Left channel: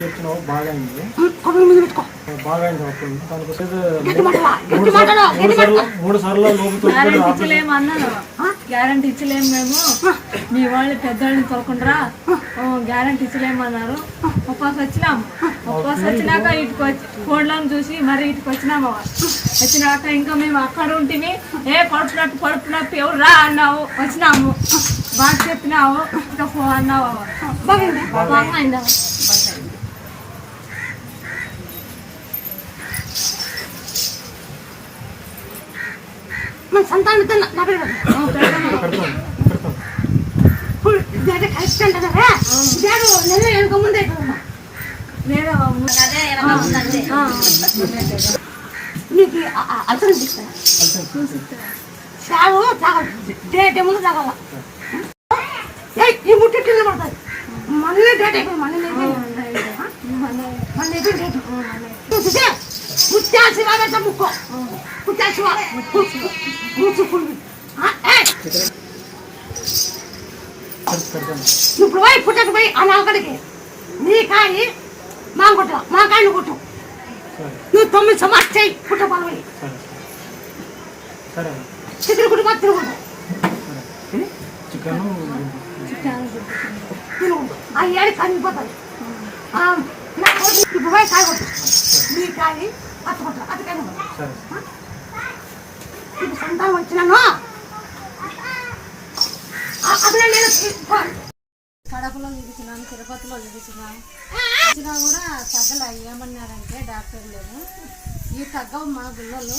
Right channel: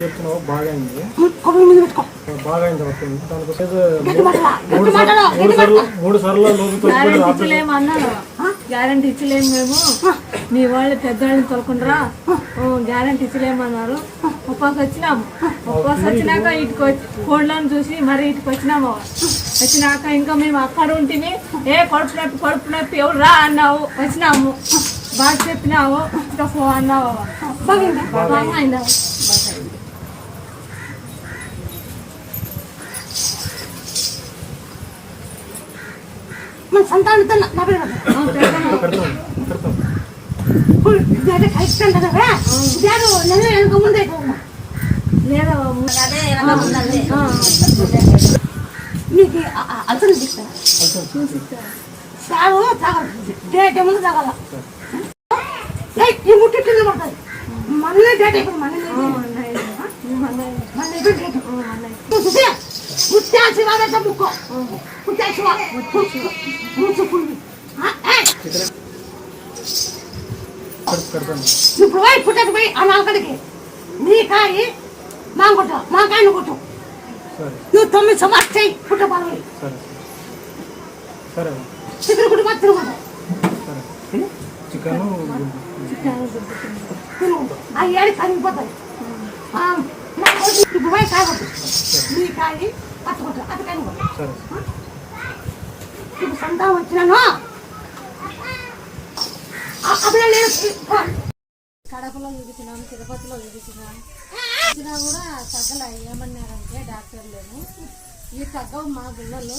బాగా అయింది మూడు సార్లు గ్యారంటీ ఇచ్చలేము మేము మీ వాళ్ళు పెద్దవాళ్ళని తోలుకుంటారా గ్యారంటీ ఇచ్చలేమన్నారు. ఉపవాసం వచ్చినాము. ఉపవాసం వచ్చినాక ఇటుకు వచ్చి ఫోన్లను చూసి మరి ఇటుకు వచ్చినాము. వచ్చినాక ఇంకా మేము అక్కడ ఉంటిమి. కడుపునట్టు ఎవరు రా అన్నావు. వచ్చినాము బాగా చెప్పినావు. ఇంకా ఫోన్ అన్నావు. బాగా అయిందా సంతానం ముందే నీకు అల్సర్ సాగు డేట్ ఏముందో తాగాల ఈ ముట్టి కింద పడుతుంది. మళ్ళీ డేట్ అయిపోయింది. మళ్ళీ డేట్ ముత్యాసి వాడంట ముక్కో ముత్యాసి ఇప్పుడు పోయి పుట్టకు పోయి ఆ నాకడికి నీ కాయి మాకాయను కొట్టు. నువ్వు 9 సంవత్సరాలు చేయి పుట్ట పని చికెన్ కుటుంబ తిరుగుతాయి తిను ఆ ఏడు కరిగిపోతాయి. ఇప్పుడు పోయి కాయ కొట్టు. నీ కాయి అట్టుకుంటా అది కాయ ఇప్పుడు సంతానం వచ్చినాను. కడపలో చూపించినాను, తిరుపతిలో చూపించినాను. వచ్చినా కూడా తగ్గలే. ఏమన్నారంటే డాక్టర్ లేదు ఈ తగ్గవు మా గుళ్ళలో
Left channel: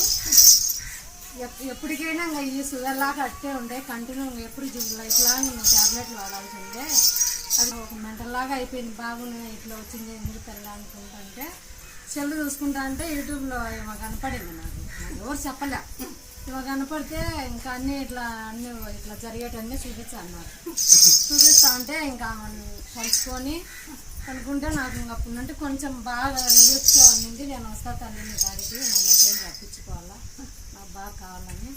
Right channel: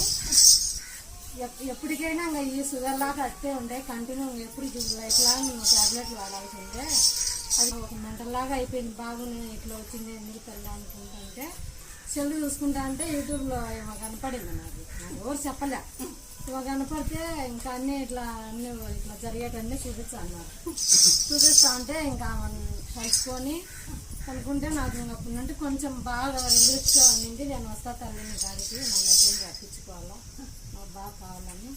ఎప్పటికైనా ఇంకా ఈ షుగర్ లాగా అట్టే ఉండే కంటిన్యూ ఎప్పుడు లైఫ్ లాంగ్ నువ్వు ట్యాబ్లెట్లు వాడాల్సి ఉండే. అది ఒక మెంటల్ లాగా అయిపోయింది. బాగుంది ఇట్లా వచ్చింది ఎందుకు తెల్ల అనుకుంటుంటే సెల్ చూసుకుంటా అంటే యూట్యూబ్లో ఏమో కనపడింది. నాకు ఎవరు చెప్పలే. ఇవాళ కనపడితే ఇంకా అన్నీ ఇట్లా జరిగేటన్నీ చూపించా అన్నారు. చూపిస్తా అంటే ఇంకా కలుసుకొని కనుక్కుంటే నాకు ఇంకా అప్పుడంటే కొంచెం బాగా రిలీఫ్గా ఉండింది. నేను వస్తా తల్లిని కాడికి నన్ను ఎప్పుడు రప్పించుకోవాలా నాకు బాగా కావాలని.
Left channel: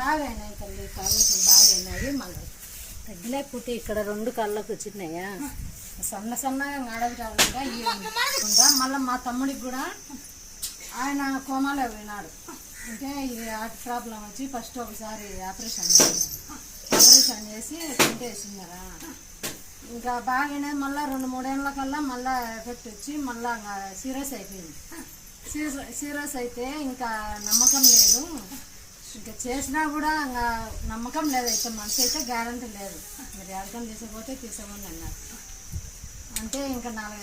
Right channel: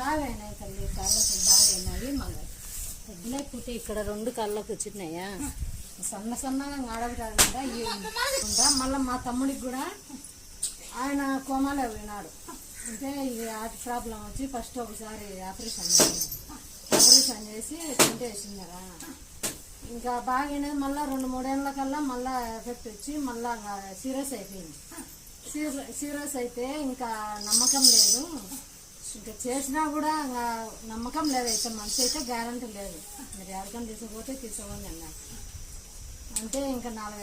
బాగా అయినాయి తల్లి. కాళ్ళకు బాగా అయినాయి. మళ్ళీ తగ్గిలేకపోతే ఇక్కడ 2 కాళ్ళకు వచ్చినాయా సన్నగా ఆడబిడ్డా మళ్ళీ మా తమ్ముడికి కూడా ఆయన కోమాలో పోయినాడు. అంటే ఇది హార్ట్ ప్రాబ్లం వచ్చి ఫస్ట్ ఒకసారి ఆపరేషన్ చేసి వేసినారా. ఇంకా బాగానే మళ్ళీ 2-3 ఏళ్ళ కల్లా మళ్ళీ ఎఫెక్ట్ వచ్చి మళ్ళీ సీరియస్ అయిపోయింది. సీరియస్ అయితే ఇంకా నమ్మకం లేదు. ఇంకా చేసినా కూడా ఇంకా నమ్మకం లేదు. అయితే మనిషి అయితే గ్యారంటీ లేదు. మీరు ఎవరికైనా తీసుకోపోతే తీసుకోండి అన్నారు. అంటే ఇంకా 4